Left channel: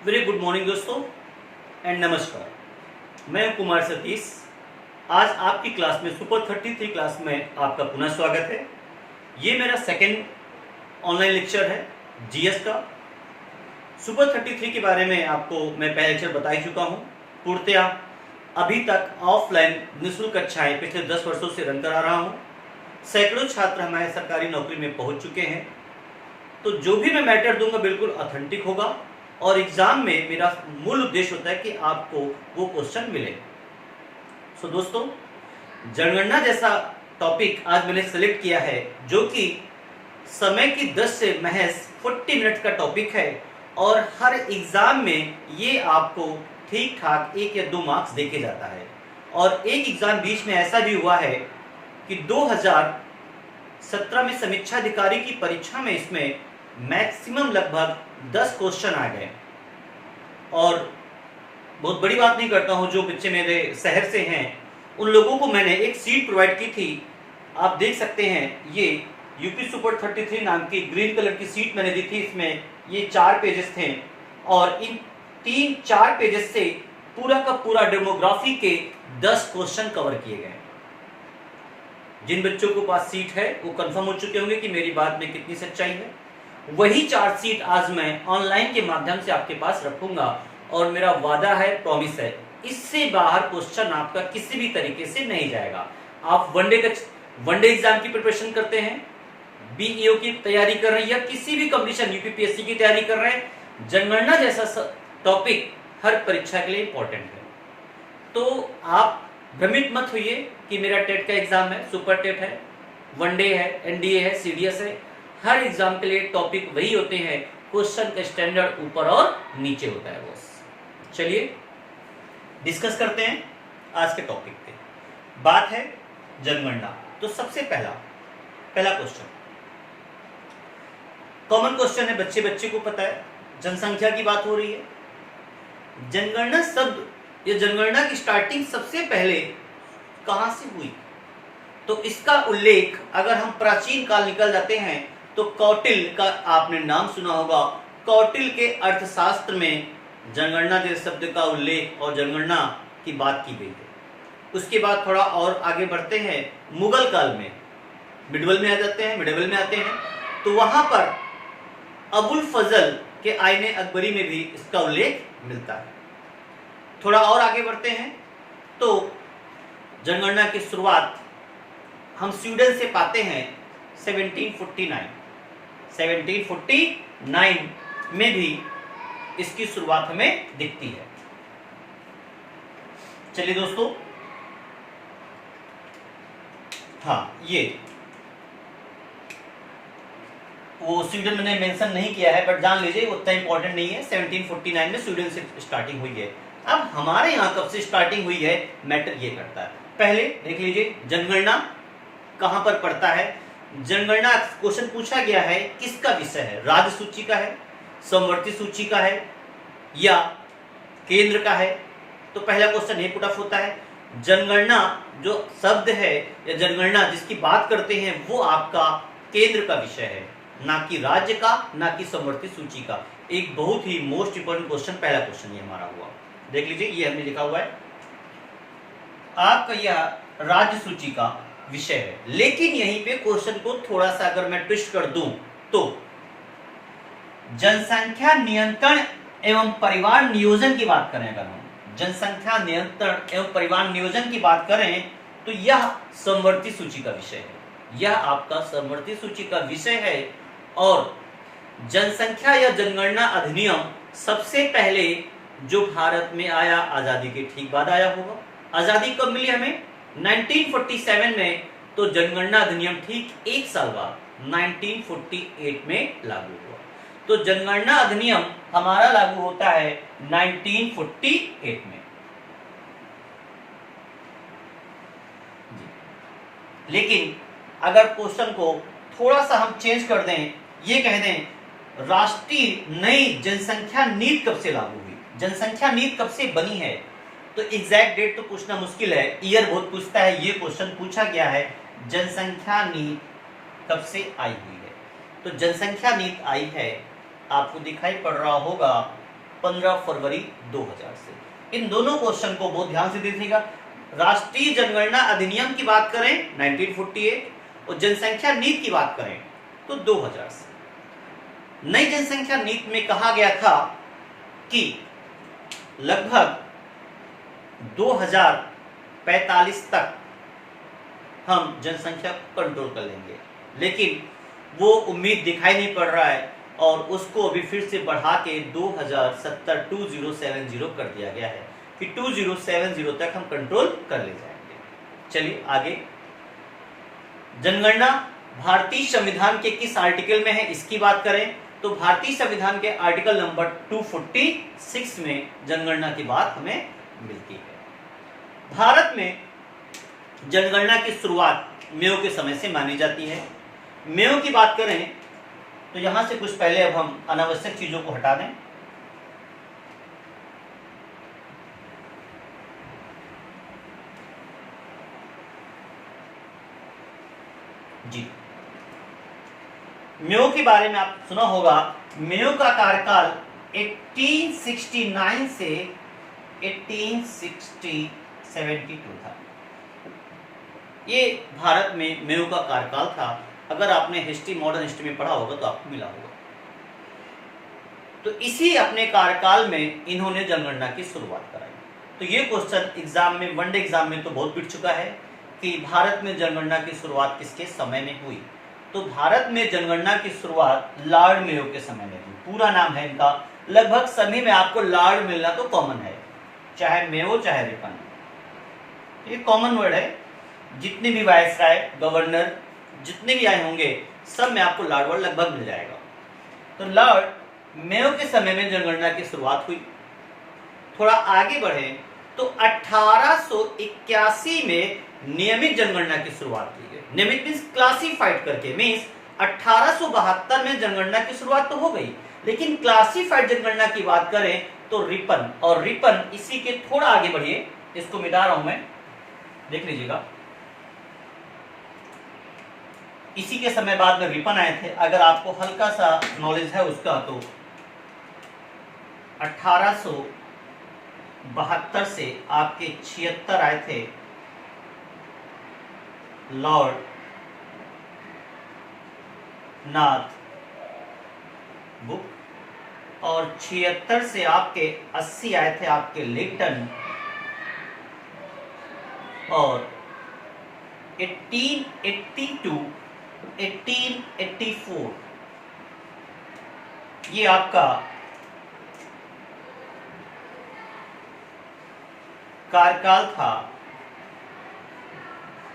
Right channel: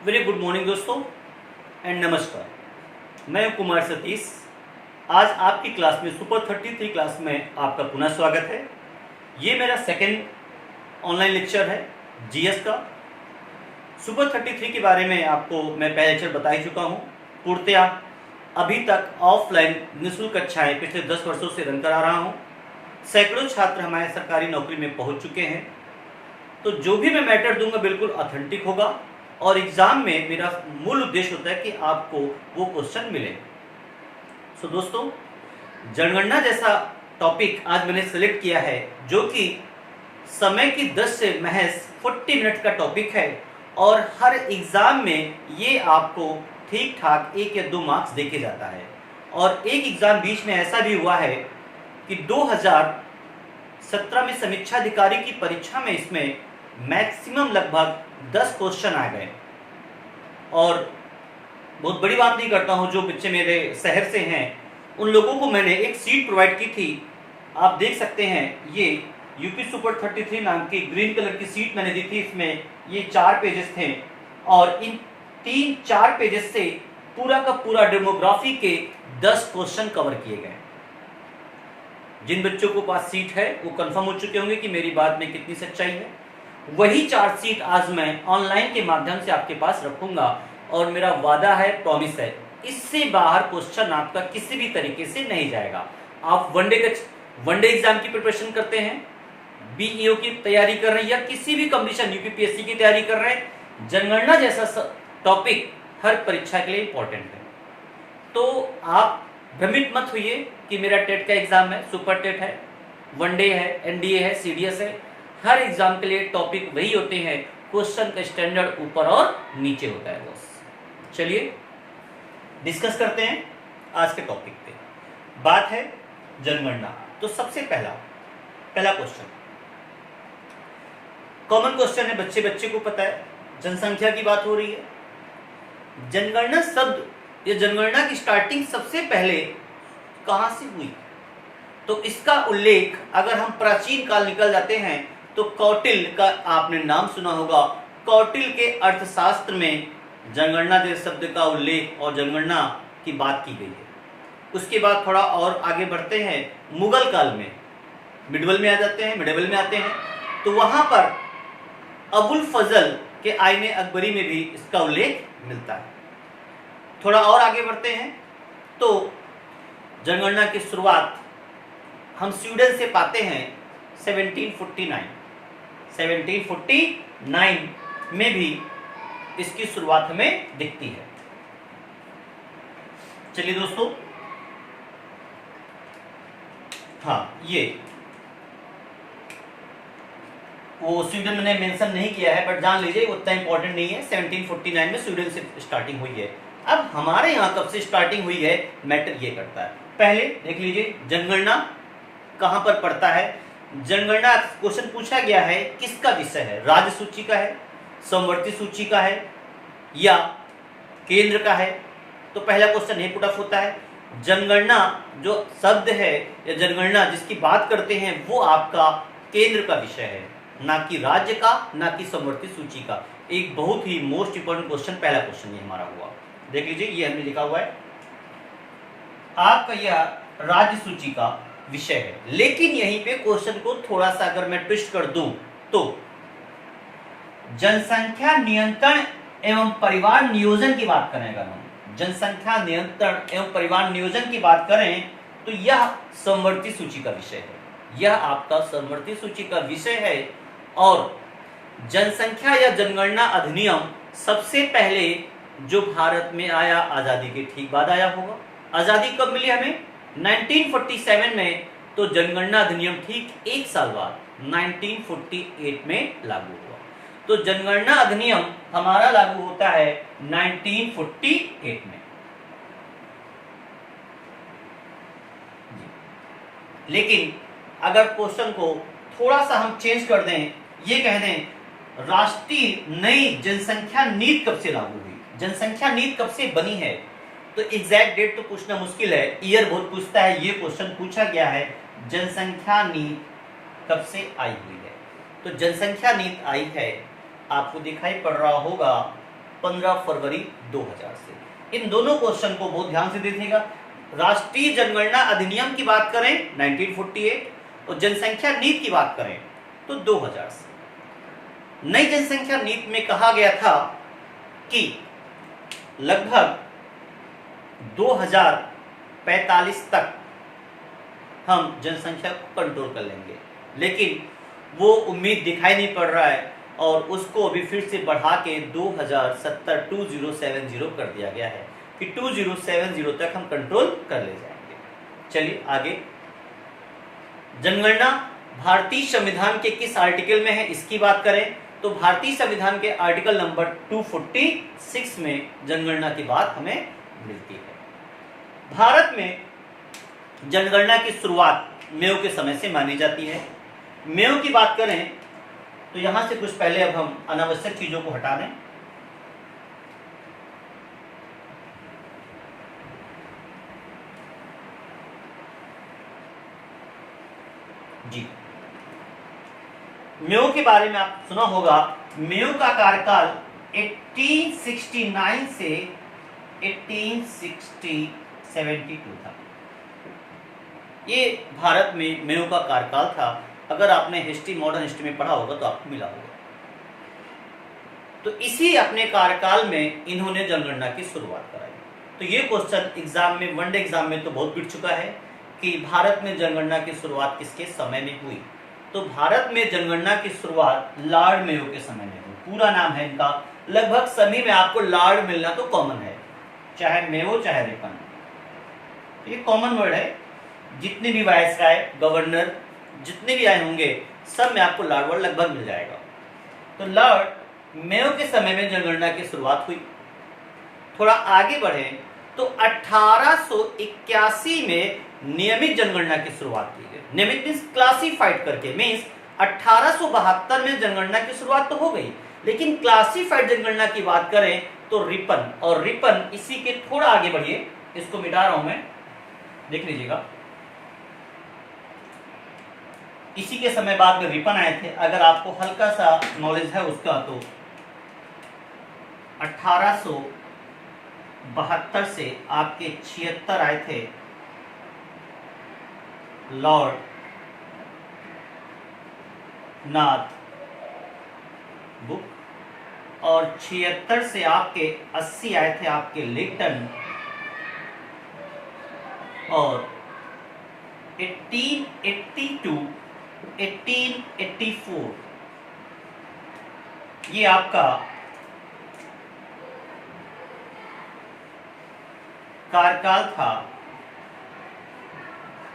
Very good morning दोस्तों and नमस्कार। मैं कुमार सतीश। आज आपकी क्लास में सुपर 33 क्लास में आपका पुनः स्वागत है। ये मेरा सेकेंड ऑनलाइन लेक्चर है जीएस का। सुपर 33 के बारे में आपको मैं पहले लेक्चर बता ही चुका हूँ। पूर्णतया अभी तक ऑफलाइन निःशुल्क कक्षाएं पिछले 10 वर्षों से रन करा रहा हूँ। सैकड़ों छात्र हमारे सरकारी नौकरी में पहुँच चुके हैं। तो जो भी मैं मैटर दूंगा बिल्कुल ऑथेंटिक होगा और एग्जाम में मेरा मूल उद्देश्य होता है कि आपको वो क्वेश्चन मिले। सो दोस्तों, जनगणना जैसा टॉपिक आज मैंने सेलेक्ट किया है जो कि समय की 10 से महज 40 मिनट का टॉपिक है और हर एग्जाम में ये आपको ठीक ठाक 1 या 2 मार्क्स देके जाता है। और एक एग्जाम बीच में ऐसा भी हुआ है कि 2017 में समीक्षा अधिकारी की परीक्षा में इसमें मैक्सिमम लगभग 10 क्वेश्चन आ गए। और बहुत बड़ी बात नहीं करता हूं, जो बच्चे मेरे शहर से हैं उन लोगों को मैंने एक सीट प्रोवाइड की थी। आप देख सकते हैं ये यूपी सुपर 33 नाम की ग्रीन कलर की सीट मैंने दी थी। इसमें ये 4 पेजेस थे और इन 3-4 पेजेस से पूरा का पूरा डेमोग्राफी के 10 क्वेश्चन कवर किए गए। जिन बच्चों को पास सीट है वो कंफर्म हो चुके होंगे कि मेरी बात में कितनी सच्चाई है। वही 4 सीट आज मैं ऑनलाइन के माध्यम से आपके पास रखूंगा और मेरा वादा है, प्रॉमिस है, इससे बाहर क्वेश्चन आपका किसी भी तरीके से नहीं जाएगा। आप वनडे एग्जाम की प्रिपरेशन करते हैं, बीईओ की तैयारी कर रहे हैं या किसी भी कंपटीशन यूपीपीएससी की तैयारी कर रहे हैं, जनगणना जैसा टॉपिक हर परीक्षा के लिए इंपॉर्टेंट है। तो आप भ्रमित मत होइए कि मेरा टेट का एग्जाम है, सुपर टेट है, वनडे है, एनडीए है, सीडीएस है। हर एग्जाम के लिए टॉपिक वही होते हैं, क्वेश्चन का स्टैंडर्ड ऊपर और नीचे होता है बस। चलिए डिस्कस करते हैं आज के टॉपिक पे। बात है जनगणना। तो सबसे पहला क्वेश्चन कॉमन क्वेश्चन है, बच्चे बच्चे को पता है, जनसंख्या की बात हो रही है। जनगणना शब्द या जनगणना की स्टार्टिंग सबसे पहले कहां से हुई? तो इसका उल्लेख अगर हम प्राचीन काल निकल जाते हैं तो कौटिल्य का आपने नाम सुना होगा। कौटिल्य के अर्थशास्त्र में जनगणना जैसे शब्द का उल्लेख और जनगणना की बात की गई है। उसके बाद थोड़ा और आगे बढ़ते हैं, मुगल काल में मिडवल में आते हैं तो वहां पर अबुल फजल के आईने अकबरी में भी इसका उल्लेख मिलता है। थोड़ा और आगे बढ़ते हैं तो जनगणना की शुरुआत हम स्वीडन से पाते हैं 1749 में भी इसकी शुरुआत हमें दिखती है। चलिए दोस्तों, ये वो स्वीडन मैंने मेंशन नहीं किया है बट जान लीजिए उतना इंपॉर्टेंट नहीं है। 1749 में स्वीडन से स्टार्टिंग हुई है। अब हमारे यहाँ कब से स्टार्टिंग हुई है मैटर ये करता है। पहले देख लीजिए जनगणना कहां पर पड़ता है। जनगणना क्वेश्चन पूछा गया है किसका विषय है, राज्य सूची का है, समवर्ती सूची का है या केंद्र का है। तो पहला क्वेश्चन ये पुट अप होता है। जनगणना जो शब्द है या जनगणना जिसकी बात करते हैं वो आपका केंद्र का विषय है, ना कि राज्य का, ना कि समवर्ती सूची का। एक बहुत ही मोस्ट इंपोर्टेंट क्वेश्चन, पहला क्वेश्चन ये हमारा हुआ। देख लीजिए ये हमने लिखा हुआ है आपका यह राज्य सूची का विषय है। लेकिन यहीं पे क्वेश्चन को थोड़ा सा अगर मैं ट्विस्ट कर दूं तो जनसंख्या नियंत्रण एवं परिवार नियोजन की बात करें, अगर हम जनसंख्या नियंत्रण एवं परिवार नियोजन की बात करें तो यह समवर्ती सूची का विषय है। यह आपका समवर्ती सूची का विषय है। और जनसंख्या या जनगणना अधिनियम सबसे पहले जो भारत में आया आजादी के ठीक बाद आया होगा। आजादी कब मिली हमें? 1947 में। तो जनगणना अधिनियम ठीक 1 साल बाद 1948 में लागू हुआ। तो जनगणना अधिनियम हमारा लागू होता है 1948 में। लेकिन अगर क्वेश्चन को थोड़ा सा हम चेंज कर दें, ये कह दें राष्ट्रीय नई जनसंख्या नीति कब से लागू हुई, जनसंख्या नीति कब से बनी है, तो एग्जैक्ट डेट तो पूछना मुश्किल है, ईयर बहुत पूछता है। ये क्वेश्चन पूछा गया है जनसंख्या नीति कब से आई हुई है। तो जनसंख्या नीति आई है, आपको दिखाई पड़ रहा होगा 15 फरवरी 2000 से। इन दोनों क्वेश्चन को बहुत ध्यान से देखिएगा। राष्ट्रीय जनगणना अधिनियम की बात करें 1948 और जनसंख्या नीति की बात करें तो 2000 से। नई जनसंख्या नीति में कहा गया था कि लगभग 2045 तक हम जनसंख्या को कंट्रोल कर लेंगे, लेकिन वो उम्मीद दिखाई नहीं पड़ रहा है और उसको अभी फिर से बढ़ा के 2070 कर दिया गया है कि 2070 तक हम कंट्रोल कर ले जाएंगे। चलिए आगे। जनगणना भारतीय संविधान के किस आर्टिकल में है इसकी बात करें तो भारतीय संविधान के आर्टिकल नंबर 246 में जनगणना की बात हमें मिलती है। भारत में जनगणना की शुरुआत मेयो के समय से मानी जाती है। मेयो की बात करें तो यहां से कुछ पहले अब हम अनावश्यक चीजों को हटा दें। जी, मेयो के बारे में आप सुना होगा। मेयो का कार्यकाल 1869 से 1872 था। ये भारत में मेयो का कार्यकाल था। अगर आपने हिस्ट्री, मॉडर्न हिस्ट्री में पढ़ा होगा तो आपको मिला होगा। तो इसी अपने कार्यकाल में इन्होंने जनगणना की शुरुआत कराई। तो ये क्वेश्चन एग्जाम में, वनडे एग्जाम में तो बहुत पिट चुका है कि भारत में जनगणना की शुरुआत किसके समय में हुई। तो भारत में जनगणना की शुरुआत लॉर्ड मेयो के समय में हुई। पूरा नाम है इनका, लगभग सभी में आपको लॉर्ड मिलना तो कॉमन है, चाहे मेयो चाहे रिपन, ये कॉमन वर्ड है। जितने भी वायसराय, गवर्नर जितने भी आए होंगे सब में आपको लॉर्ड वर्ड लगभग मिल जाएगा। तो लॉर्ड मेयो के समय में जनगणना की शुरुआत हुई। थोड़ा आगे बढ़े तो 1881 में नियमित जनगणना की शुरुआत की गई। नियमित मींस क्लासिफाइड करके, मींस 1872 में जनगणना की शुरुआत तो हो गई, लेकिन क्लासिफाइड जनगणना की बात करें तो रिपन, और रिपन इसी के थोड़ा आगे बढ़िए, इसको मिटा रहा हूं मैं, देख लीजिएगा। इसी के समय बाद में रिपन आए थे। अगर आपको हल्का सा नॉलेज है उसका तो 1872 से आपके 76 आए थे लॉर्ड नाथ बुक, और 76 से आपके 80 आए थे आपके लिटन, और 1882 1884 ये आपका कार्यकाल था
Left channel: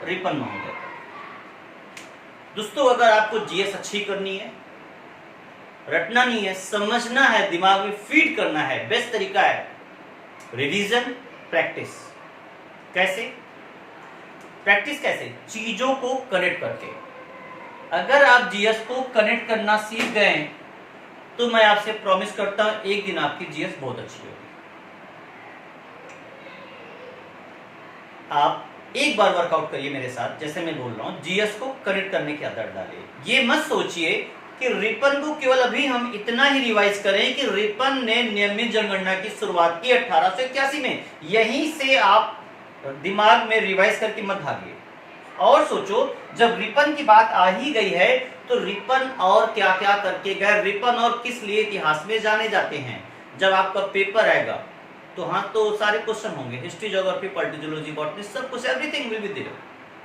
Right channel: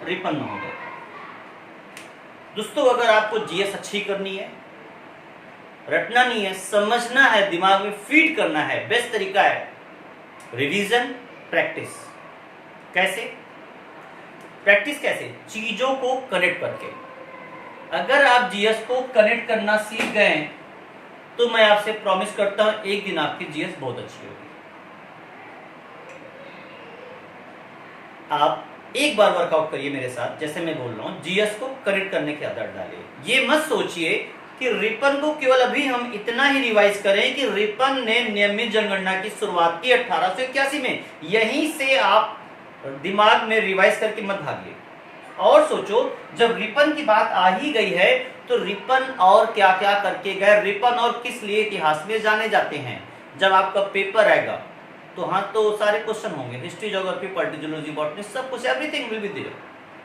रिपन महोदय। दोस्तों, अगर आपको जीएस अच्छी करनी है, रटना नहीं है, समझना है, दिमाग में फीड करना है, बेस्ट तरीका है रिवीजन, प्रैक्टिस। कैसे प्रैक्टिस? कैसे? चीजों को कनेक्ट करके। अगर आप जीएस को कनेक्ट करना सीख गए तो मैं आपसे प्रॉमिस करता हूं एक दिन आपकी जीएस बहुत अच्छी होगी। आप एक बार वर्कआउट करिए मेरे साथ, जैसे मैं बोल रहा हूं, जीएस को कनेक्ट करने की आदत डालिए। ये मत सोचिए कि रिपन को केवल अभी हम इतना ही रिवाइज करें कि रिपन ने नियमित जनगणना की शुरुआत की 1881 में। यहीं से आप दिमाग में रिवाइज करके मत भागिए और सोचो, जब रिपन की बात आ ही गई है तो रिपन और क्या क्या करके गए, रिपन और किस लिए इतिहास में जाने जाते हैं। जब आपका पेपर आएगा तो हाँ, तो सारे क्वेश्चन होंगे, history, geography, polity, zoology, botany, सब कुछ, एवरीथिंग विल बी देयर।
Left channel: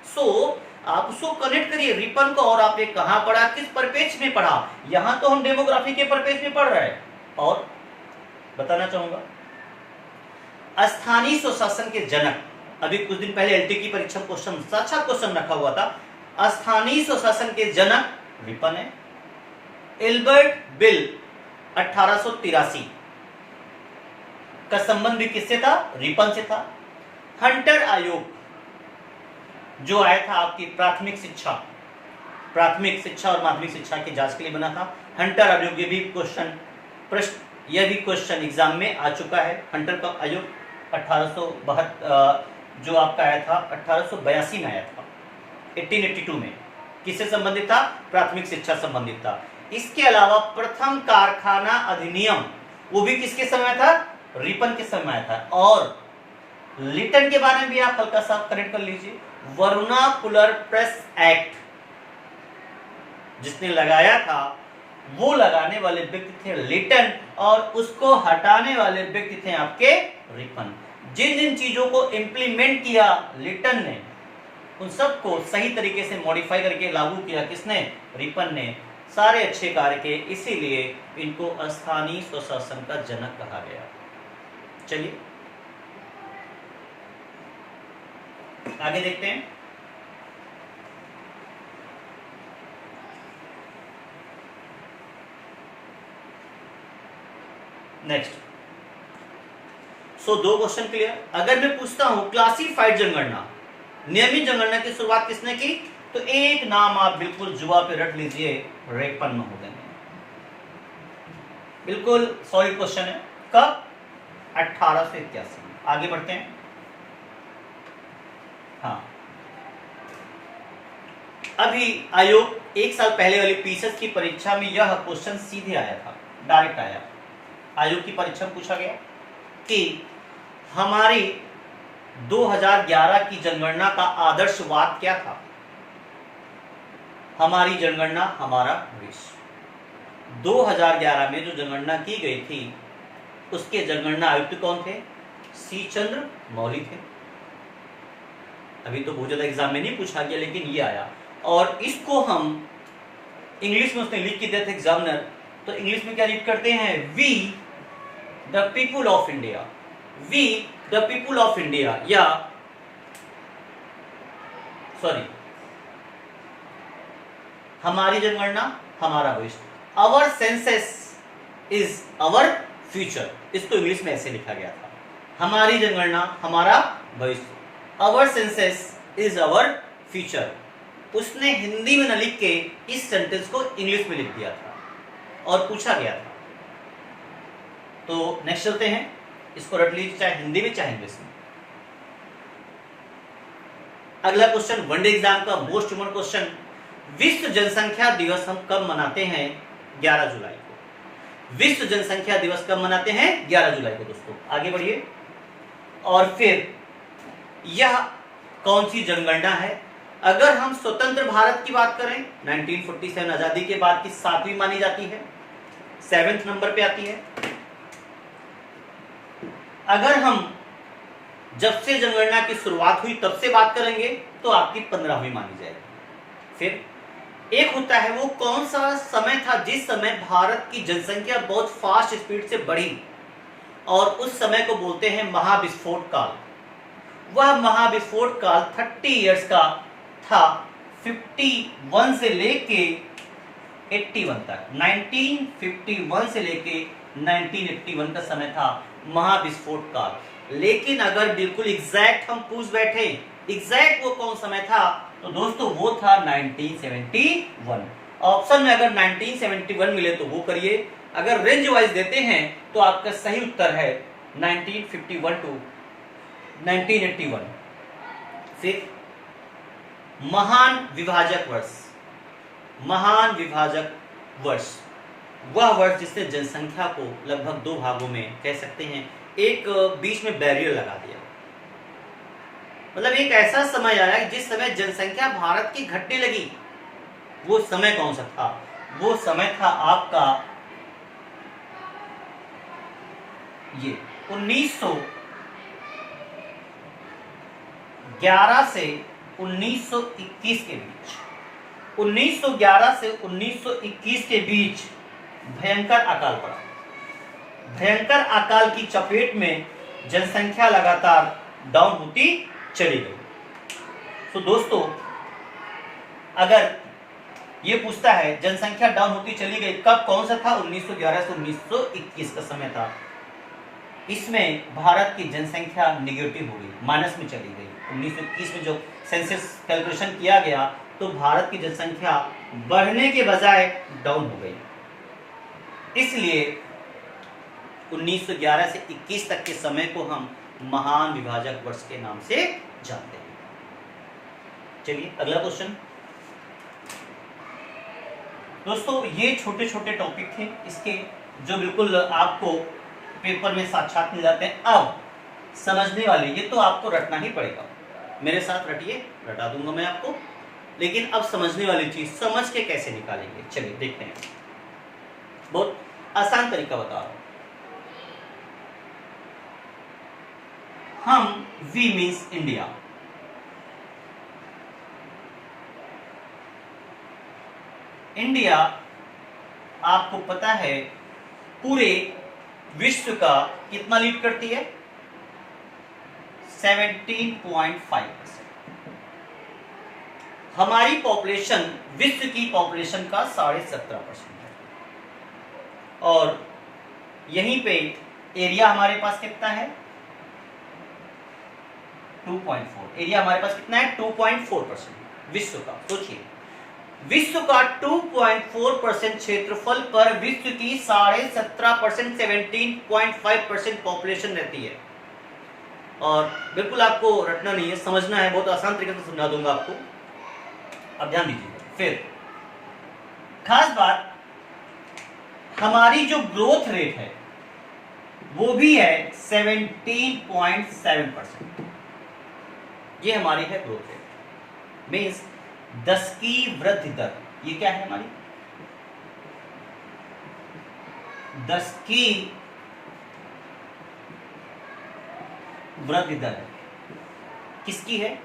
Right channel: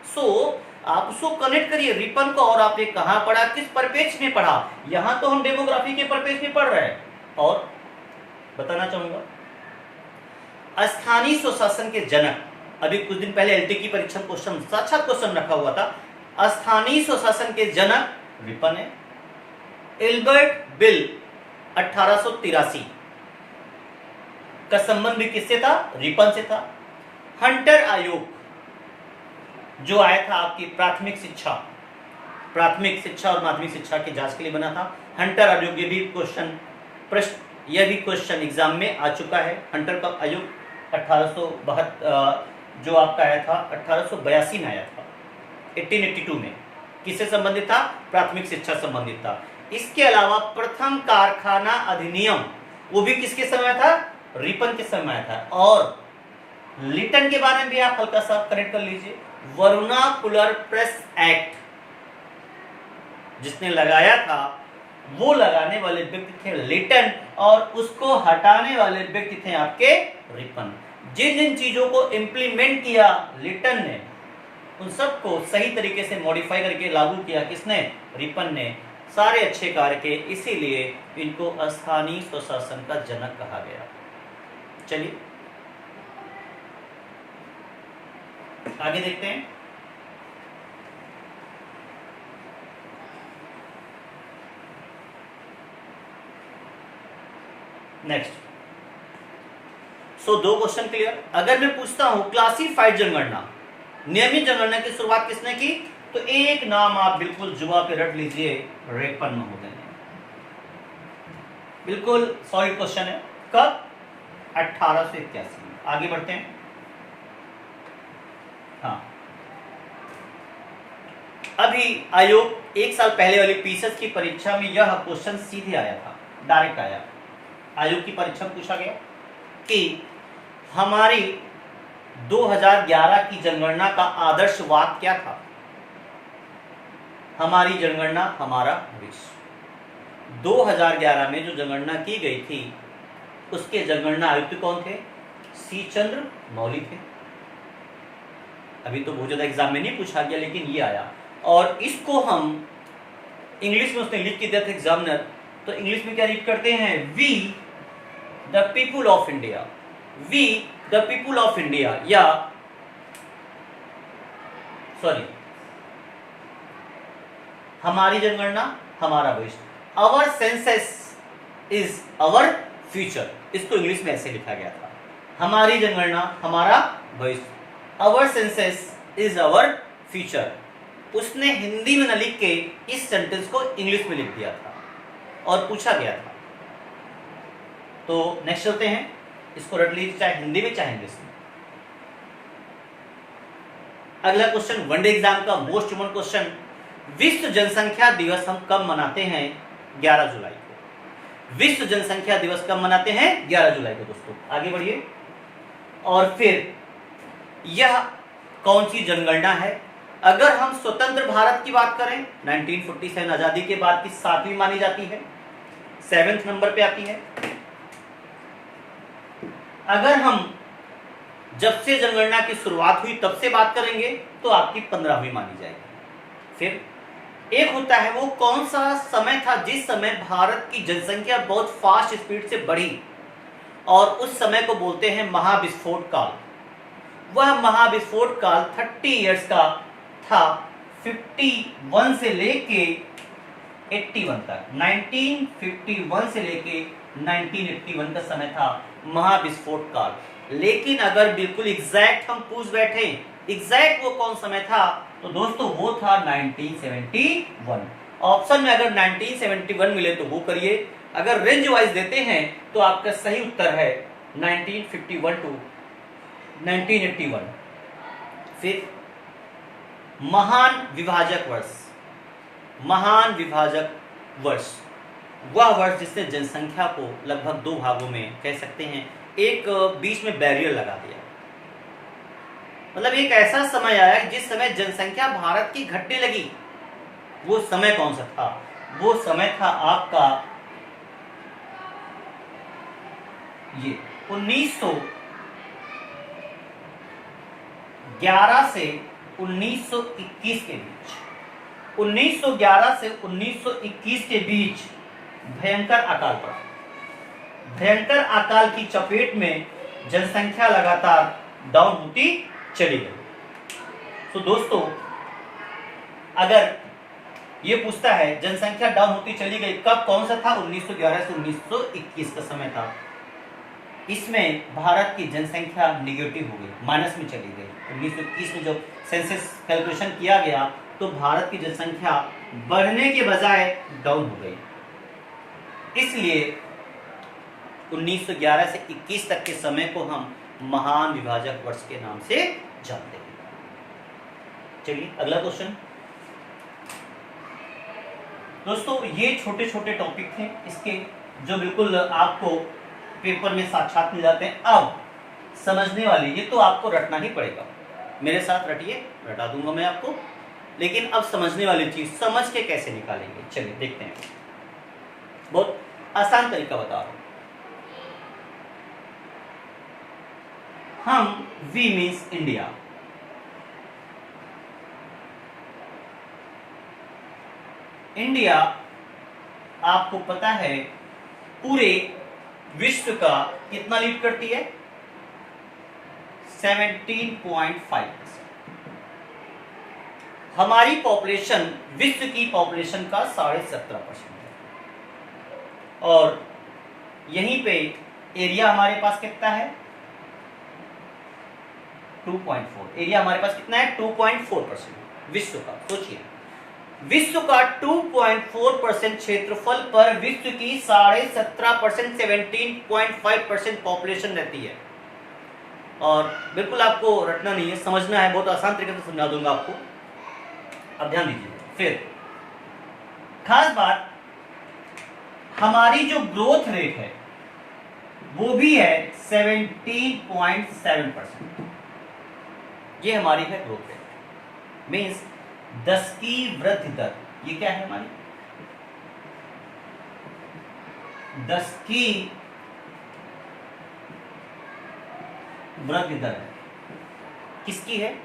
सो आप उसको कनेक्ट करिए रिपन को, और आपने कहां पढ़ा, किस परिपेक्ष में पढ़ा। यहां तो हम डेमोग्राफी के परिपेक्ष में पढ़ रहे हैं। और बताना चाहूंगा, स्थानीय स्वशासन के जनक, अभी कुछ दिन पहले एलटी की परीक्षा क्वेश्चन, साक्षात क्वेश्चन रखा हुआ था, स्थानीय स्वशासन के जनक रिपन है। एल्बर्ट बिल 1883 का संबंध भी किससे था? रिपन से था। हंटर आयोग जो आया था आपकी प्राथमिक शिक्षा और माध्यमिक शिक्षा की जांच के लिए बना था, हंटर आयोग। ये भी क्वेश्चन एग्जाम में आ चुका है। हंटर का आयोग 1872 जो आपका आया था 1882 में आया था, 1882 में। किससे संबंधित था? प्राथमिक शिक्षा संबंधित था। इसके अलावा प्रथम कारखाना अधिनियम वो भी किसके समय था? रिपन के समय था। और लिटन के बारे में भी आप हल्का सा करेक्ट कर लीजिए। वर्नाकुलर प्रेस एक्ट जिसने लगाया था वो लगाने वाले व्यक्ति थे लिटन, और उसको हटाने वाले व्यक्ति थे आपके रिपन। जिन जिन चीजों को इंप्लीमेंट किया लिटन ने, उन सबको सही तरीके से मॉडिफाई करके लागू किया किसने? रिपन ने। सारे अच्छे कार्य के, इसीलिए इनको स्थानीय स्वशासन का जनक कहा गया। चलिए आगे देखते हैं। नेक्स्ट। सो 2 क्वेश्चन क्लियर। अगर मैं पूछता हूं क्लासिफाइड जनगणना, नियमित जनगणना की शुरुआत किसने की? तो एक नाम आप बिल्कुल जुआ पे रट लीजिए, रेपन महोदय ने। बिल्कुल सॉलिड क्वेश्चन है। कब? 1881 में। आगे बढ़ते हैं। हाँ, अभी आयोग 1 साल पहले वाली पीसीएस की परीक्षा में यह क्वेश्चन सीधे आया था, डायरेक्ट आया। आयोग की परीक्षा में पूछा गया कि हमारी 2011 की जनगणना का आदर्श वाक्य क्या था? हमारी जनगणना हमारा भविष्य। 2011 में जो जनगणना की गई थी उसके जनगणना आयुक्त कौन थे? सी चंद्र मौली थे। अभी तो बहुत ज्यादा एग्जाम में नहीं पूछा गया, लेकिन ये आया। और इसको हम इंग्लिश में उसने लिख के दिया था एग्जामिनर, तो इंग्लिश में क्या रीड करते हैं? We the people of India. We the people of India, या सॉरी, हमारी जनगणना हमारा भविष्य। Our census is our future, इसको इंग्लिश में ऐसे लिखा गया था। हमारी जनगणना हमारा भविष्य, our census is our future. उसने हिंदी में न लिख के इस सेंटेंस को इंग्लिश में लिख दिया था और पूछा गया था। तो नेक्स्ट चलते हैं। इसको रट लीजिए, चाहे हिंदी में चाहे इंग्लिश में। अगला क्वेश्चन वनडे एग्जाम का मोस्ट कॉमन क्वेश्चन, विश्व जनसंख्या दिवस हम कब मनाते हैं? 11 जुलाई को। विश्व जनसंख्या दिवस कब मनाते हैं? 11 जुलाई को। दोस्तों आगे बढ़िए। और फिर यह कौन सी जनगणना है? अगर हम स्वतंत्र भारत की बात करें, 1947 आजादी के बाद की 7वीं मानी जाती है, 7वें नंबर पे आती है। अगर हम जब से जनगणना की शुरुआत हुई तब से बात करेंगे तो आपकी 15वीं मानी जाएगी। फिर एक होता है, वो कौन सा समय था जिस समय भारत की जनसंख्या बहुत फास्ट स्पीड से बढ़ी, और उस समय को बोलते हैं महाविस्फोट काल। वह महाविस्फोट काल 30 इयर्स का था, 51 से लेके 81 तक। 1951 से लेके 1981 का समय था महाविस्फोट काल। लेकिन अगर बिल्कुल एग्जैक्ट हम पूछ बैठे एग्जैक्ट वो कौन समय था, तो दोस्तों वो था 1971। ऑप्शन में अगर 1971 मिले तो वो करिए, अगर रेंज वाइज देते हैं तो आपका सही उत्तर है 1951 टू 1981। फिर महान विभाजक वर्ष। महान विभाजक वर्ष वह वर्ष जिसने जनसंख्या को लगभग 2 भागों में कह सकते हैं, एक बीच में बैरियर लगा दिया। मतलब एक ऐसा समय आया जिस समय जनसंख्या भारत की घटने लगी। वो समय कौन सा था? वो समय था आपका ये 1911 से 1921 के बीच। 1911 से 1921 के बीच भयंकर अकाल पड़ा। भयंकर अकाल की चपेट में जनसंख्या लगातार डाउन होती चली गई। तो दोस्तों अगर ये पूछता है जनसंख्या डाउन होती चली गई कब, कौन सा था? 1911 से 1921 का समय था। इसमें भारत की जनसंख्या निगेटिव हो गई, माइनस में चली गई। 1921 में जो सेंसस कैलकुलेशन किया गया तो भारत की जनसंख्या बढ़ने के बजाय डाउन हो गई। इसलिए 1911 से 21 तक के समय को हम महान विभाजक वर्ष के नाम से जानते हैं। चलिए अगला क्वेश्चन। दोस्तों ये छोटे छोटे टॉपिक थे, इसके जो बिल्कुल आपको पेपर में साक्षात मिल जाते हैं। अब समझने वाले, ये तो आपको रटना ही पड़ेगा, मेरे साथ रटिए, रटा दूंगा मैं आपको, लेकिन अब समझने वाली चीज समझ के कैसे निकालेंगे, चलिए देखते हैं। बहुत आसान तरीका बता रहा हूं। हम वी मीन्स इंडिया, इंडिया आपको पता है पूरे विश्व का कितना लीड करती है, 17.5%। हमारी पॉपुलेशन विश्व की पॉपुलेशन का 17.5% है, और यहीं पे एरिया हमारे पास कितना है, 2.4। एरिया हमारे पास कितना है, 2.4% विश्व का। सोचिए, विश्व का 2.4% क्षेत्रफल पर विश्व की 17.5%, 17.5% पॉपुलेशन रहती है। और बिल्कुल आपको रटना नहीं है, समझना है, बहुत आसान तरीके से समझा दूंगा आपको। अब ध्यान दीजिए। फिर खास बात, हमारी जो ग्रोथ रेट है वो भी है 17.7%। ये हमारी है ग्रोथ रेट, मीन्स 10 की वृद्धि दर। ये क्या है हमारी, 10 की वृद्धि दर है। किसकी है,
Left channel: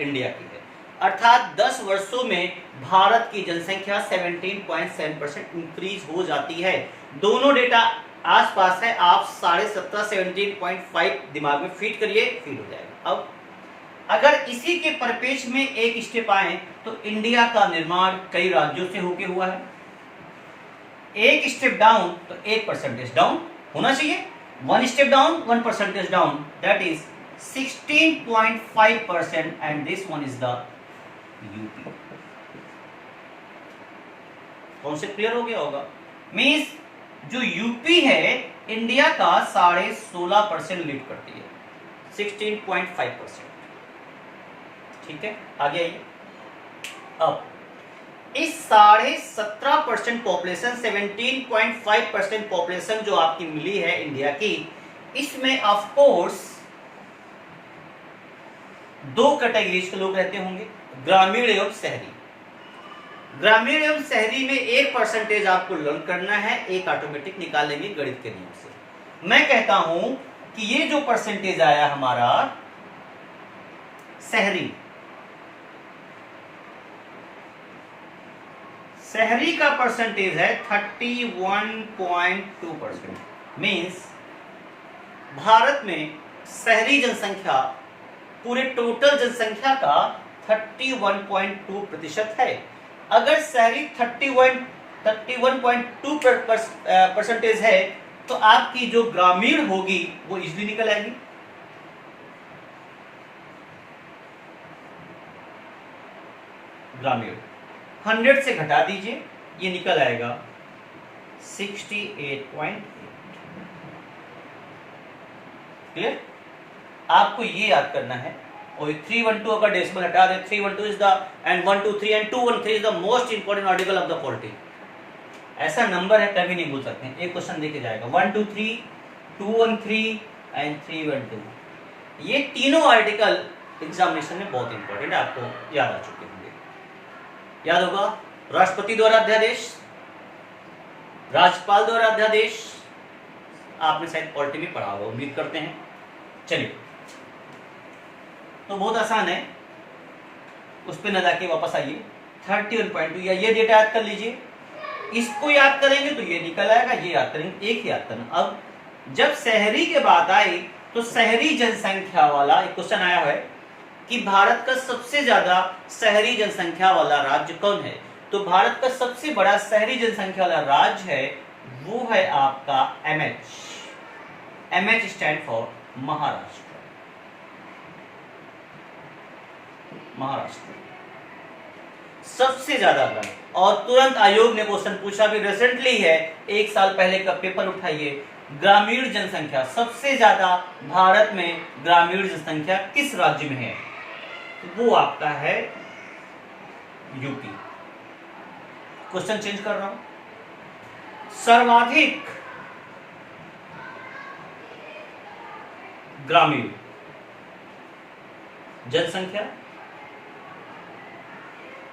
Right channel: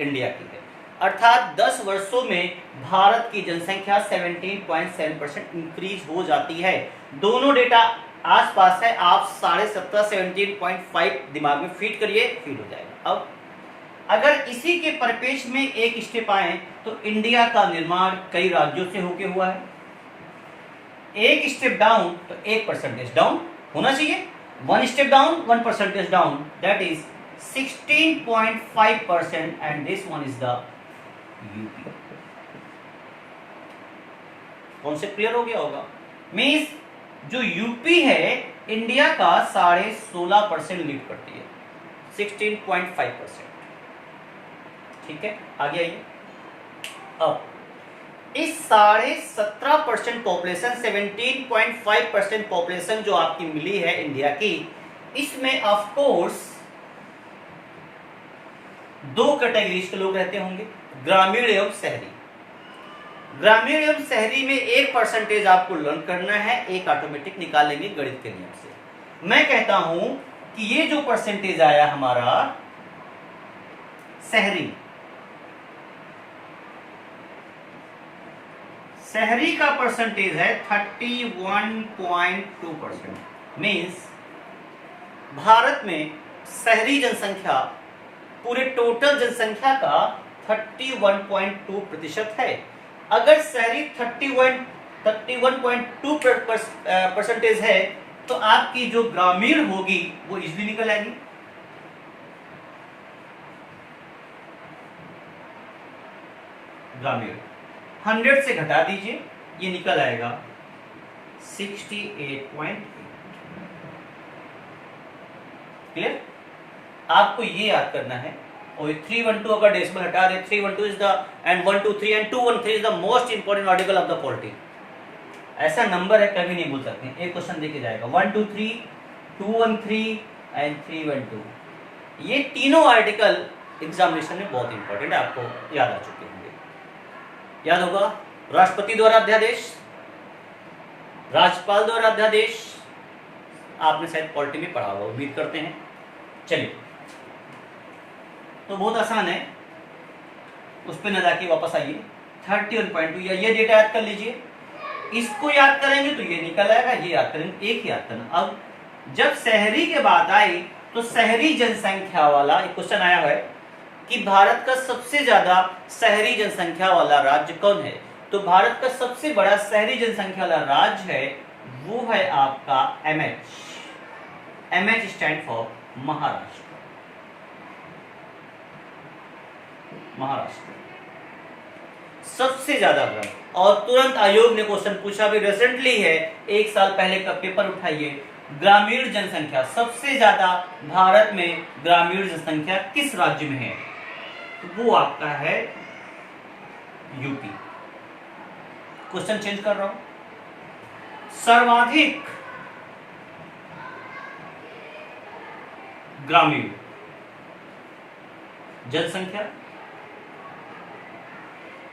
इंडिया की है। अर्थात 10 वर्षों में भारत की जनसंख्या 17.7% इंक्रीज हो जाती है। दोनों डेटा आसपास है, आप 17.5 17.5 दिमाग में फीड करिए, फीड हो जाएगा। अब अगर इसी के परिपेक्ष में एक स्टेप आए तो इंडिया का निर्माण कई राज्यों से होके हुआ है। एक स्टेप डाउन तो 1% डाउन होना चाहिए, 1 step down 1% down, that is 16.5%, and this one is the UP. Concept clear हो गया होगा। मीन्स जो यूपी है इंडिया का 16.5% लीड करती है, 16.5%। ठीक है, आगे आइए। अब इस 17.5% पॉपुलेशन, 17.5% पॉपुलेशन जो आपकी मिली है इंडिया की, इसमें ऑफ कोर्स 2 कैटेगरीज के लोग रहते होंगे, ग्रामीण एवं शहरी। ग्रामीण एवं शहरी में 1% आपको लर्न करना है, एक ऑटोमेटिक निकालेंगे गणित के नियम से। मैं कहता हूं कि ये जो परसेंटेज आया हमारा शहरी, शहरी का परसेंटेज है 31.2%। मीन्स भारत में शहरी जनसंख्या पूरे टोटल जनसंख्या का 31.2% है। अगर शहरी 31.2% है तो आपकी जो ग्रामीण होगी वो इजली निकल आएगी। ग्रामीण 100 से घटा दीजिए, ये निकल आएगा 68.8। क्लियर? आपको ये याद करना है। और 312 अगर डेसिमल हटा दे, 312 is the end 123 and 213 is the most important article of the polity. ऐसा नंबर है कभी नहीं भूल सकते। एक क्वेश्चन देके जाएगा 123, 213 एंड 312। ये तीनों आर्टिकल एग्जामिनेशन में बहुत इंपॉर्टेंट है, आपको याद आ चुके होंगे। याद होगा, राष्ट्रपति द्वारा अध्यादेश, राज्यपाल द्वारा अध्यादेश, आपने शायद पॉलिटी में पढ़ा होगा, उम्मीद करते हैं। चलिए, तो बहुत आसान है, उस पर न जाके वापस आइए। 31.2 या ये डेटा याद कर लीजिए। इसको याद करेंगे तो ये निकल आएगा, ये याद करेंगे, एक ही याद करना। अब जब शहरी के बात आई तो शहरी जनसंख्या वाला एक क्वेश्चन आया है कि भारत का सबसे ज्यादा शहरी जनसंख्या वाला राज्य कौन है। तो भारत का सबसे बड़ा शहरी जनसंख्या वाला राज्य है, वो है आपका MH। MH stand for Maharashtra. Maharashtra सबसे ज्यादा बड़ा। और तुरंत आयोग ने क्वेश्चन पूछा भी, रिसेंटली है, 1 साल पहले का पेपर उठाइए, ग्रामीण जनसंख्या सबसे ज्यादा भारत में ग्रामीण जनसंख्या किस राज्य में है? वो आपका है यूपी। क्वेश्चन चेंज कर रहा हूं। सर्वाधिक ग्रामीण जनसंख्या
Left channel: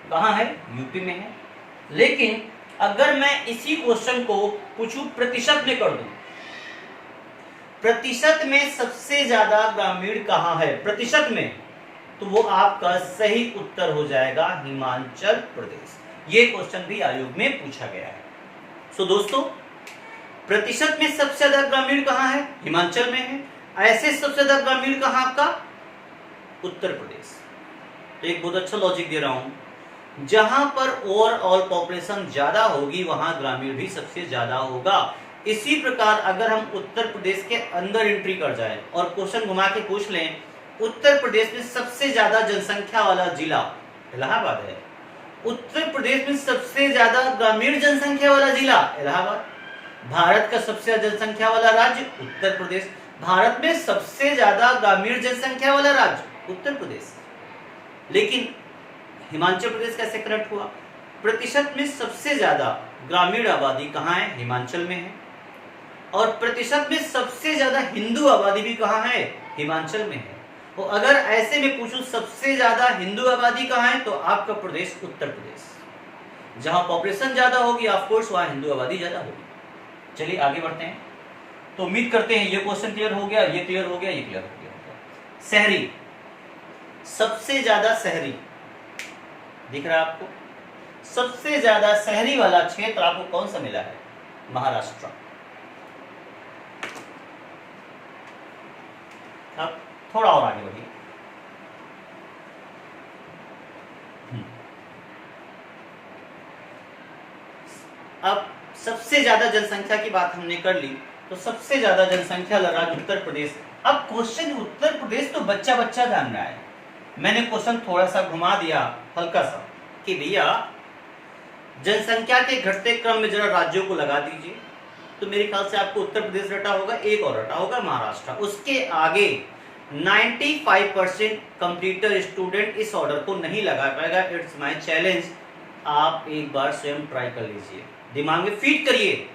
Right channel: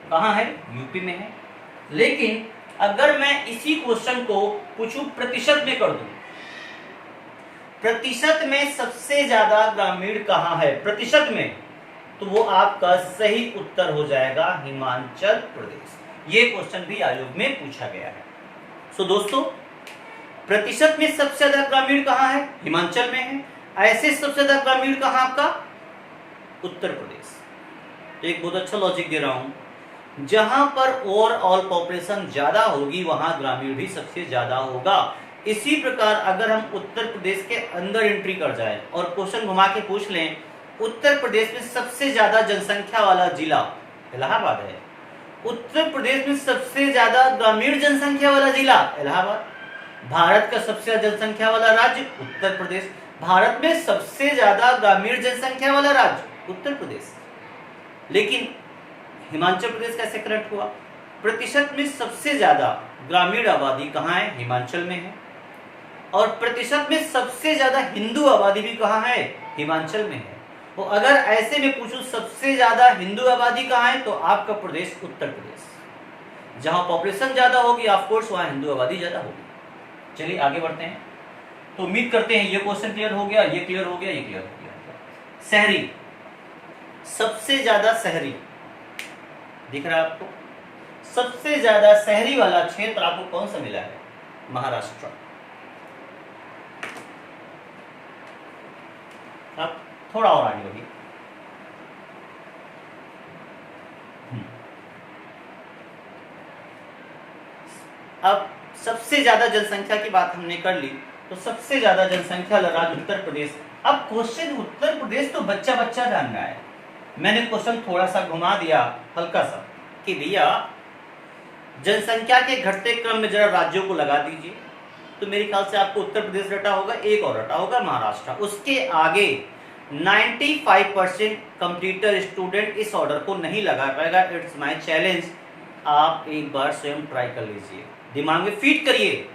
कहाँ है? यूपी में है। लेकिन अगर मैं इसी क्वेश्चन को पूछूं प्रतिशत में कर दूं, प्रतिशत में सबसे ज्यादा ग्रामीण कहाँ है प्रतिशत में, तो वो आपका सही उत्तर हो जाएगा हिमाचल प्रदेश। ये क्वेश्चन भी आयोग में पूछा गया है। सो दोस्तों, प्रतिशत में सबसे ज्यादा ग्रामीण कहाँ है? हिमाचल में है। ऐसे सबसे ज्यादा ग्रामीण कहाँ आपका? उत्तर प्रदेश। तो एक बहुत अच्छा लॉजिक दे रहा हूं, जहां पर ओवरऑल पॉपुलेशन ज्यादा होगी वहां ग्रामीण भी सबसे ज्यादा होगा। इसी प्रकार अगर हम उत्तर प्रदेश के अंदर एंट्री कर जाए और क्वेश्चन घुमा के पूछ लें, उत्तर प्रदेश में सबसे ज्यादा जनसंख्या वाला जिला इलाहाबाद है। उत्तर प्रदेश में सबसे ज्यादा ग्रामीण जनसंख्या वाला जिला इलाहाबाद। भारत का सबसे ज्यादा जनसंख्या वाला राज्य उत्तर प्रदेश। भारत में सबसे ज्यादा ग्रामीण जनसंख्या वाला राज्य उत्तर प्रदेश। लेकिन हिमाचल प्रदेश कैसे कनेक्ट हुआ? प्रतिशत में सबसे ज्यादा ग्रामीण आबादी कहाँ है? हिमाचल में है। और प्रतिशत में सबसे ज्यादा हिंदू आबादी भी कहाँ है? हिमाचल में है। तो अगर ऐसे में पूछूं सबसे ज्यादा हिंदू आबादी कहाँ है, तो आपका प्रदेश उत्तर प्रदेश। जहां पॉपुलेशन ज्यादा होगी ऑफ कोर्स वहां हिंदू आबादी ज्यादा होगी। चलिए आगे बढ़ते हैं। तो उम्मीद करते हैं ये क्वेश्चन क्लियर हो गया, ये क्लियर हो गया, ये क्लियर हो गया। शहरी, सबसे ज्यादा शहरी दिख रहा है आपको? सबसे ज्यादा शहरी वाला क्षेत्र आपको कौन सा मिला है? महाराष्ट्र। अब थोड़ा और आगे बढ़िए। अब सबसे ज्यादा जनसंख्या की बात हमने कर ली, तो सबसे ज्यादा जनसंख्या वाला राज्य उत्तर प्रदेश। अब क्वेश्चन उत्तर प्रदेश तो बच्चा बच्चा जान रहा है, मैंने क्वेश्चन थोड़ा सा घुमा दिया हल्का सा कि भैया जनसंख्या के घटते क्रम में जरा राज्यों को लगा दीजिए, तो मेरे ख्याल से आपको उत्तर प्रदेश रटा होगा, एक और रटा होगा महाराष्ट्र। उसके आगे 95% कंप्यूटर स्टूडेंट इस ऑर्डर को नहीं लगा पाएगा। इट्स माय चैलेंज, आप एक बार स्वयं ट्राई कर लीजिए, दिमाग में फीड करिए।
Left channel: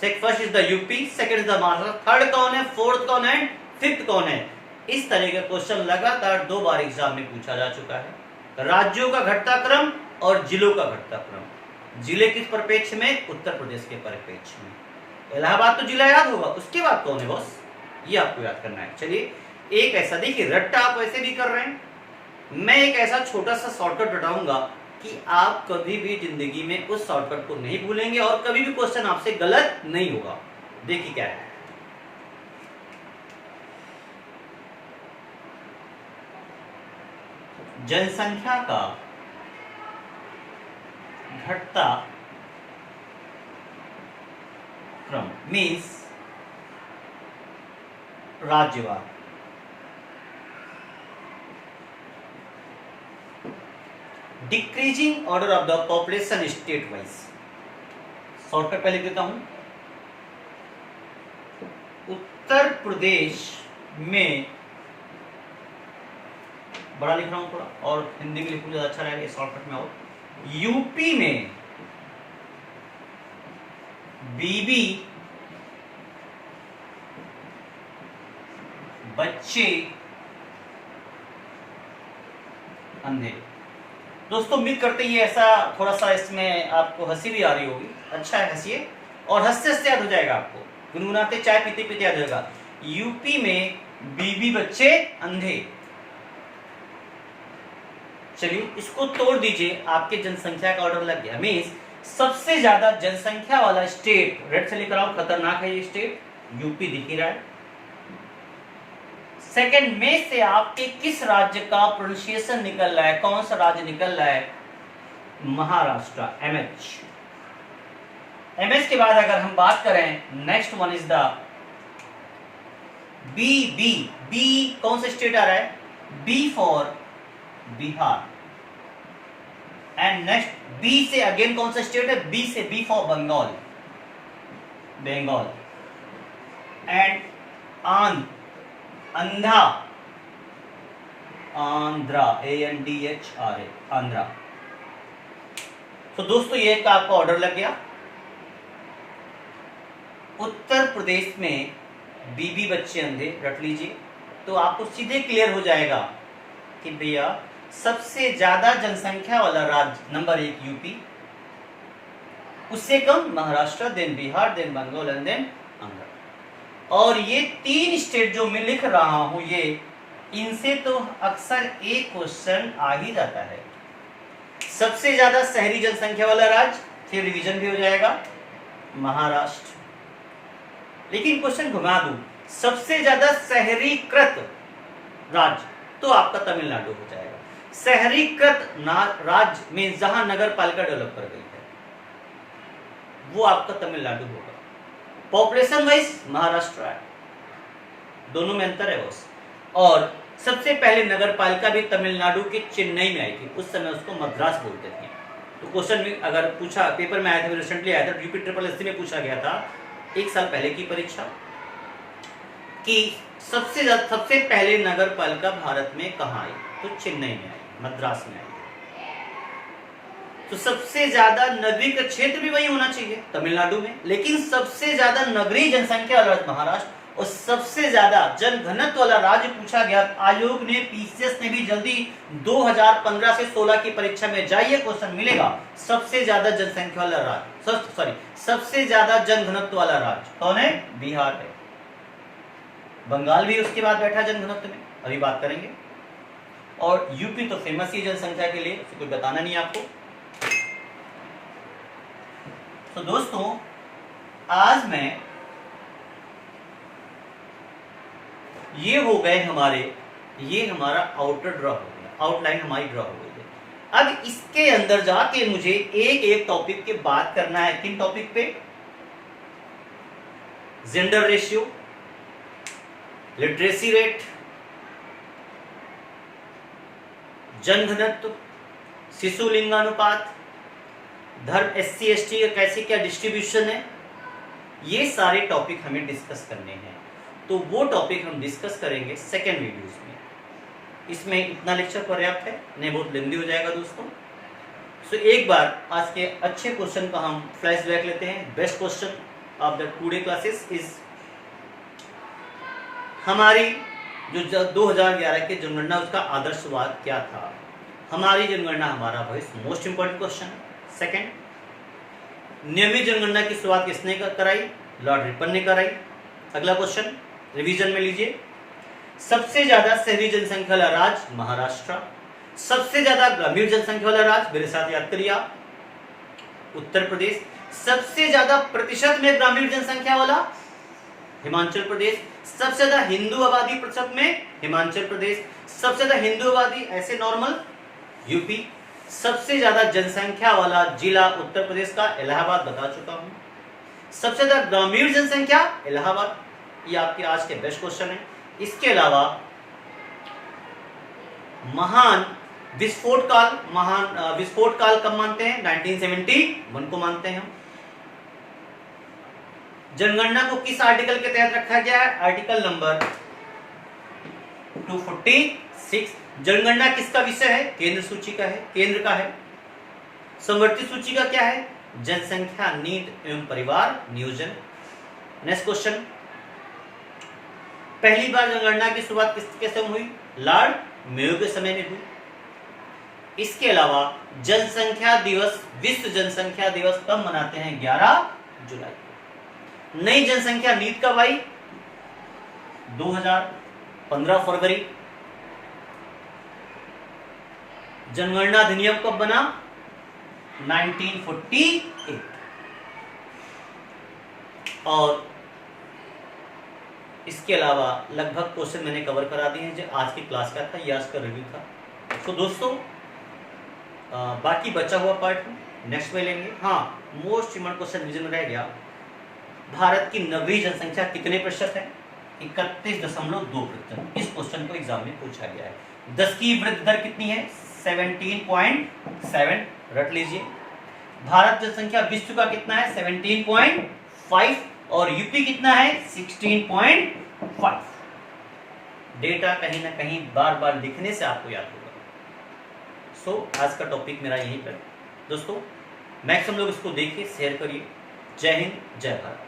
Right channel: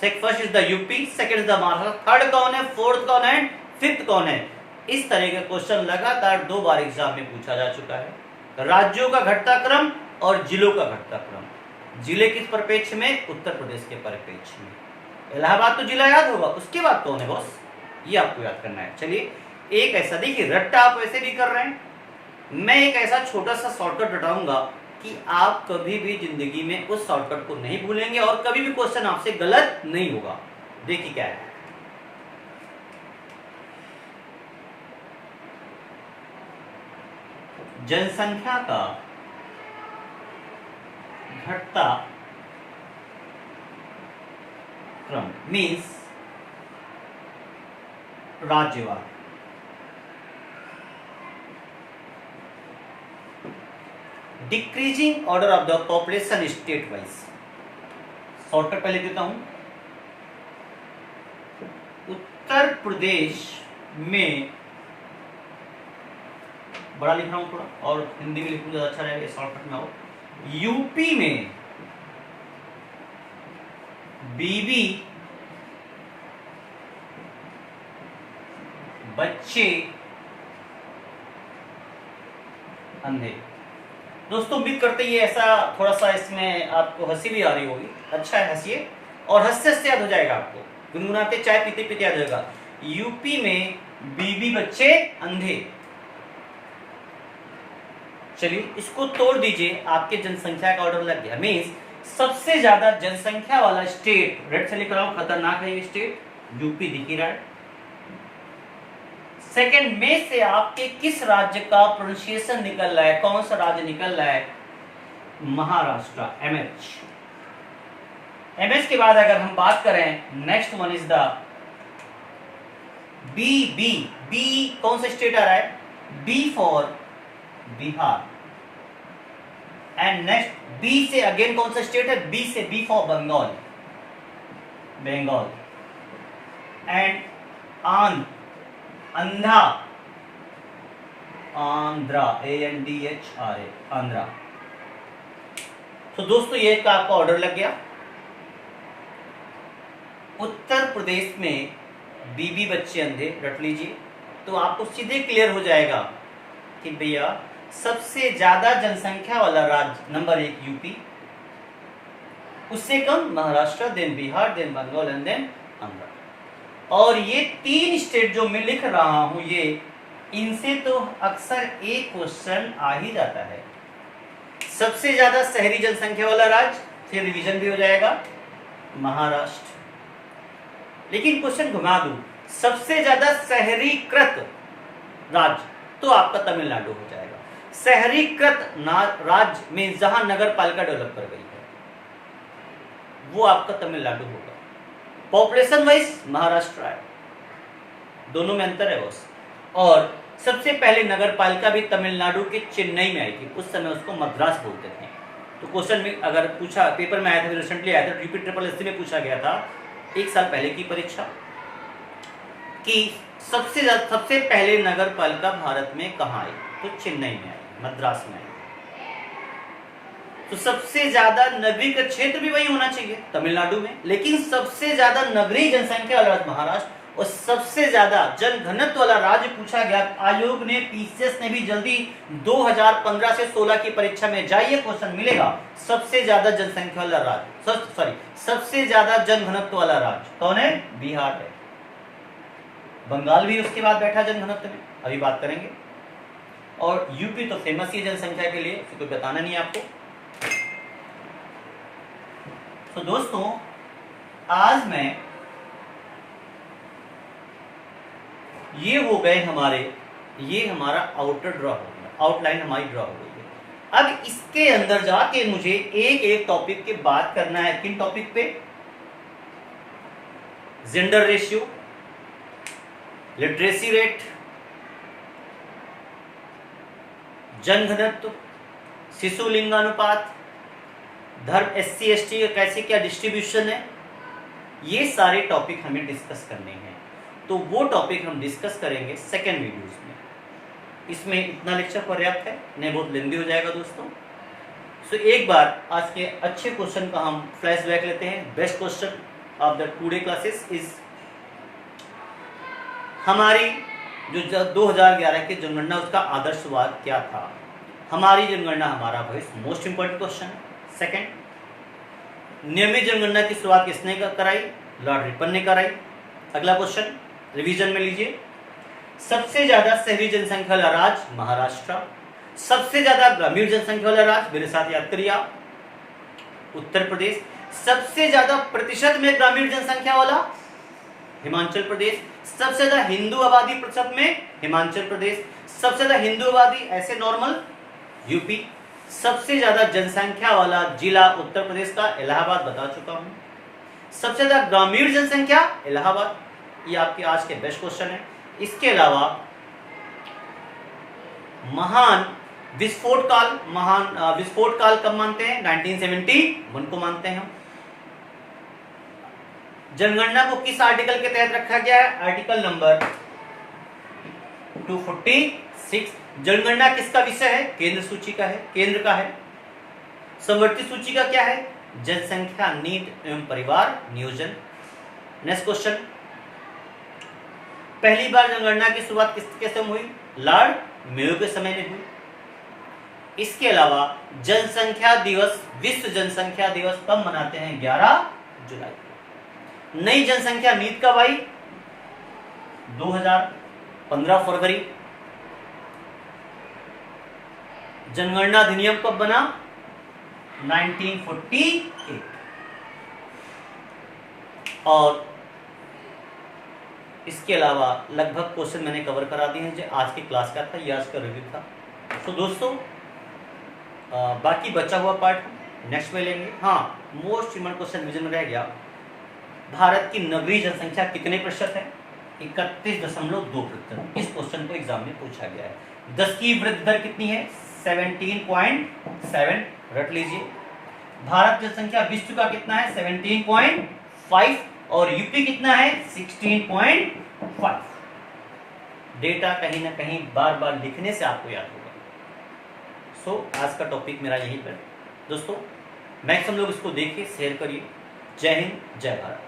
First is the UP, second is the Maharashtra, third कौन है, फोर्थ कौन है, फिफ्थ कौन है। इस तरह का क्वेश्चन लगातार 2 बार एग्जाम में पूछा जा चुका है। राज्यों का घटता क्रम और जिलों का घटता क्रम। जिले किस परिप्रेक्ष्य में? उत्तर प्रदेश के परिप्रेक्ष्य में। इलाहाबाद तो जिला याद होगा, उसके बाद कौन है बॉस, ये आपको याद करना है। चलिए एक ऐसा, देखिए रट्टा आप वैसे भी कर रहे हैं, मैं एक ऐसा छोटा सा शॉर्टकट बताऊंगा कि आप कभी भी जिंदगी में उस शॉर्टकट को नहीं भूलेंगे और कभी भी क्वेश्चन आपसे गलत नहीं होगा। देखिए क्या है, जनसंख्या का घटता क्रम मीन्स राज्यवार। Decreasing order of the population state wise. Shortcut पहले देता हूं, उत्तर प्रदेश में बड़ा लिख रहा हूं थोड़ा, और हिंदी में लिखूं ज्यादा अच्छा रहेगा, शॉर्टकट में हो। यूपी में बीबी बच्चे अंधे। दोस्तों उम्मीद करते ये ऐसा थोड़ा सा इसमें आपको हंसी भी आ रही होगी, अच्छा है हंसिए, और हंसते हंसते याद हो जाएगा आपको, गुनगुनाते चाय पीते पीते याद होगा। यूपी में बीबी बच्चे अंधे। चलिए इसको तोड़ दीजिए, आपके जनसंख्या का ऑर्डर लग गया। मीन्स सबसे ज्यादा जनसंख्या वाला स्टेट, रेड से लिख रहा हूं, खतरनाक है ये स्टेट, यूपी दिख ही रहा है। सेकंड में से आपके किस राज्य का प्रोनाउंसिएशन निकल रहा है, कौन सा राज्य निकल रहा है? महाराष्ट्र, एमएच। एमएच के बाद अगर हम बात करें, next one is the B. B B कौन सा स्टेट आ रहा है? B for Bihar. And next B से अगेन कौन सा स्टेट है? बी से B for Bengal, Bengal. And अंधा, आंध्रा, ANDHRA, आंध्रा। तो दोस्तों ये का आपका ऑर्डर लग गया। उत्तर प्रदेश में बीबी बच्चे अंधे रट लीजिए, तो आपको सीधे क्लियर हो जाएगा कि भैया सबसे ज्यादा जनसंख्या वाला राज्य नंबर 1 यूपी, उससे कम Maharashtra, then Bihar, then Bengal and then Andhra. और ये 3 स्टेट जो मैं लिख रहा हूं, ये इनसे तो अक्सर एक क्वेश्चन आ ही जाता है। सबसे ज्यादा शहरी जनसंख्या वाला राज्य, फिर रिवीजन भी हो जाएगा, महाराष्ट्र। लेकिन क्वेश्चन घुमा दूं, सबसे ज्यादा शहरीकृत राज्य, तो आपका तमिलनाडु हो जाएगा। शहरीकृत राज्य मीन्स जहां नगर पालिका डेवलप कर गई है, वो आपका तमिलनाडु होगा। पॉपुलेशन वाइज महाराष्ट्र है, दोनों में अंतर है बस। और सबसे पहले नगर पालिका भी तमिलनाडु के चेन्नई में आई थी, उस समय उसको मद्रास बोलते थे। तो क्वेश्चन में अगर पूछा, पेपर में आया था, रिसेंटली आया था, यूपी ट्रिपल एससी में पूछा गया था 1 साल पहले की परीक्षा, कि सबसे पहले नगर पालिका भारत में कहाँ आई, तो चेन्नई में आई, मद्रास में आई। तो सबसे ज्यादा नगरीय का क्षेत्र भी वही होना चाहिए, तमिलनाडु में, लेकिन सबसे ज्यादा नगरीय जनसंख्या वाला राज्य महाराष्ट्र, और सबसे ज्यादा जनघनत्व वाला राज्य पूछा गया। आयोग ने, पीसीएस ने भी जल्दी 2015 से 16 की परीक्षा में जाइए, क्वेश्चन मिलेगा, सबसे ज्यादा जनसंख्या वाला राज्य, सबसे ज्यादा जनघनत्व वाला राज्य कौन है? बिहार है। बंगाल भी उसके बाद बैठा जनघनत्व में, अभी बात करेंगे। और यूपी तो फेमस ही जनसंख्या के लिए, उसको बताना नहीं आपको। तो दोस्तों, आज मैं ये हो गए हमारे, ये हमारा आउटर ड्रॉ हो गया, आउटलाइन हमारी ड्रॉ हो गई है। अब इसके अंदर जाके मुझे एक एक टॉपिक के बात करना है। 3 टॉपिक पे, जेंडर रेशियो, लिटरेसी रेट, जनघनत्व, शिशु लिंगानुपात, धर्म, एससी एसटी का कैसे क्या डिस्ट्रीब्यूशन है, ये सारे टॉपिक हमें डिस्कस करने हैं। तो वो टॉपिक हम डिस्कस करेंगे सेकेंड वीडियोस में। इसमें इतना लेक्चर पर्याप्त है, नहीं बहुत लेंदी हो जाएगा दोस्तों। सो एक बार आज के अच्छे क्वेश्चन का हम फ्लैशबैक लेते हैं। Best question of the today classes is, हमारी जो 2011 की जनगणना, उसका आदर्शवाद क्या था? हमारी जनगणना हमारा भविष्य, मोस्ट इंपोर्टेंट क्वेश्चन है। सेकेंड, नियमित जनगणना की शुरुआत किसने कराई? लॉर्ड रिपन ने कराई। अगला क्वेश्चन रिवीजन में लीजिए, सबसे ज्यादा शहरी जनसंख्या वाला राज्य महाराष्ट्र, सबसे ज्यादा ग्रामीण जनसंख्या वाला राज्य, मेरे साथ याद करिए आप, उत्तर प्रदेश, सबसे ज्यादा प्रतिशत में ग्रामीण जनसंख्या वाला हिमाचल प्रदेश, सबसे ज्यादा हिंदू आबादी प्रतिशत में हिमाचल प्रदेश, सबसे ज्यादा हिंदू आबादी ऐसे नॉर्मल यूपी, सबसे ज्यादा जनसंख्या वाला जिला उत्तर प्रदेश का इलाहाबाद, बता चुका हूं। सबसे ज्यादा ग्रामीण जनसंख्या इलाहाबाद, ये आपके आज के बेस्ट क्वेश्चन है। इसके अलावा महान विस्फोट काल कब मानते हैं? 1971 को मानते हैं हम। जनगणना को किस आर्टिकल के तहत रखा गया है? Article number 246। जनगणना किसका विषय है? केंद्र सूची का है, केंद्र का है। समवर्ती सूची का क्या है? जनसंख्या नीति एवं परिवार नियोजन। नेक्स्ट क्वेश्चन, पहली बार जनगणना की शुरुआत किसके समय हुई? लॉर्ड मेयो के समय में हुई। इसके अलावा जनसंख्या दिवस, विश्व जनसंख्या दिवस कब मनाते हैं? 11 जुलाई को। नई जनसंख्या नीति कब आई? 2015 फरवरी। जनगणना अधिनियम कब बना? 1948। और इसके अलावा लगभग क्वेश्चन मैंने कवर करा दिए हैं। जो आज की क्लास का था, ये आज का रिव्यू था। तो दोस्तों, बाकी बचा हुआ पार्ट नेक्स्ट में लेंगे। हाँ, मोस्ट इम्पोर्टेंट क्वेश्चन रिवीजन में रह गया, भारत की नगरीय जनसंख्या कितने प्रतिशत है? 31.2%। इस क्वेश्चन को एग्जाम में पूछा गया है। 10 की वृद्धि दर कितनी है? 17.7, रट लीजिए। भारत जनसंख्या विश्व का कितना है? 17.5, और यूपी कितना है? 16.5। डेटा कहीं ना कहीं बार बार लिखने से आपको याद होगा। सो आज का टॉपिक मेरा यही पर दोस्तों, मैक्सिमम लोग इसको देखिए, शेयर करिए। जय हिंद, जय भारत।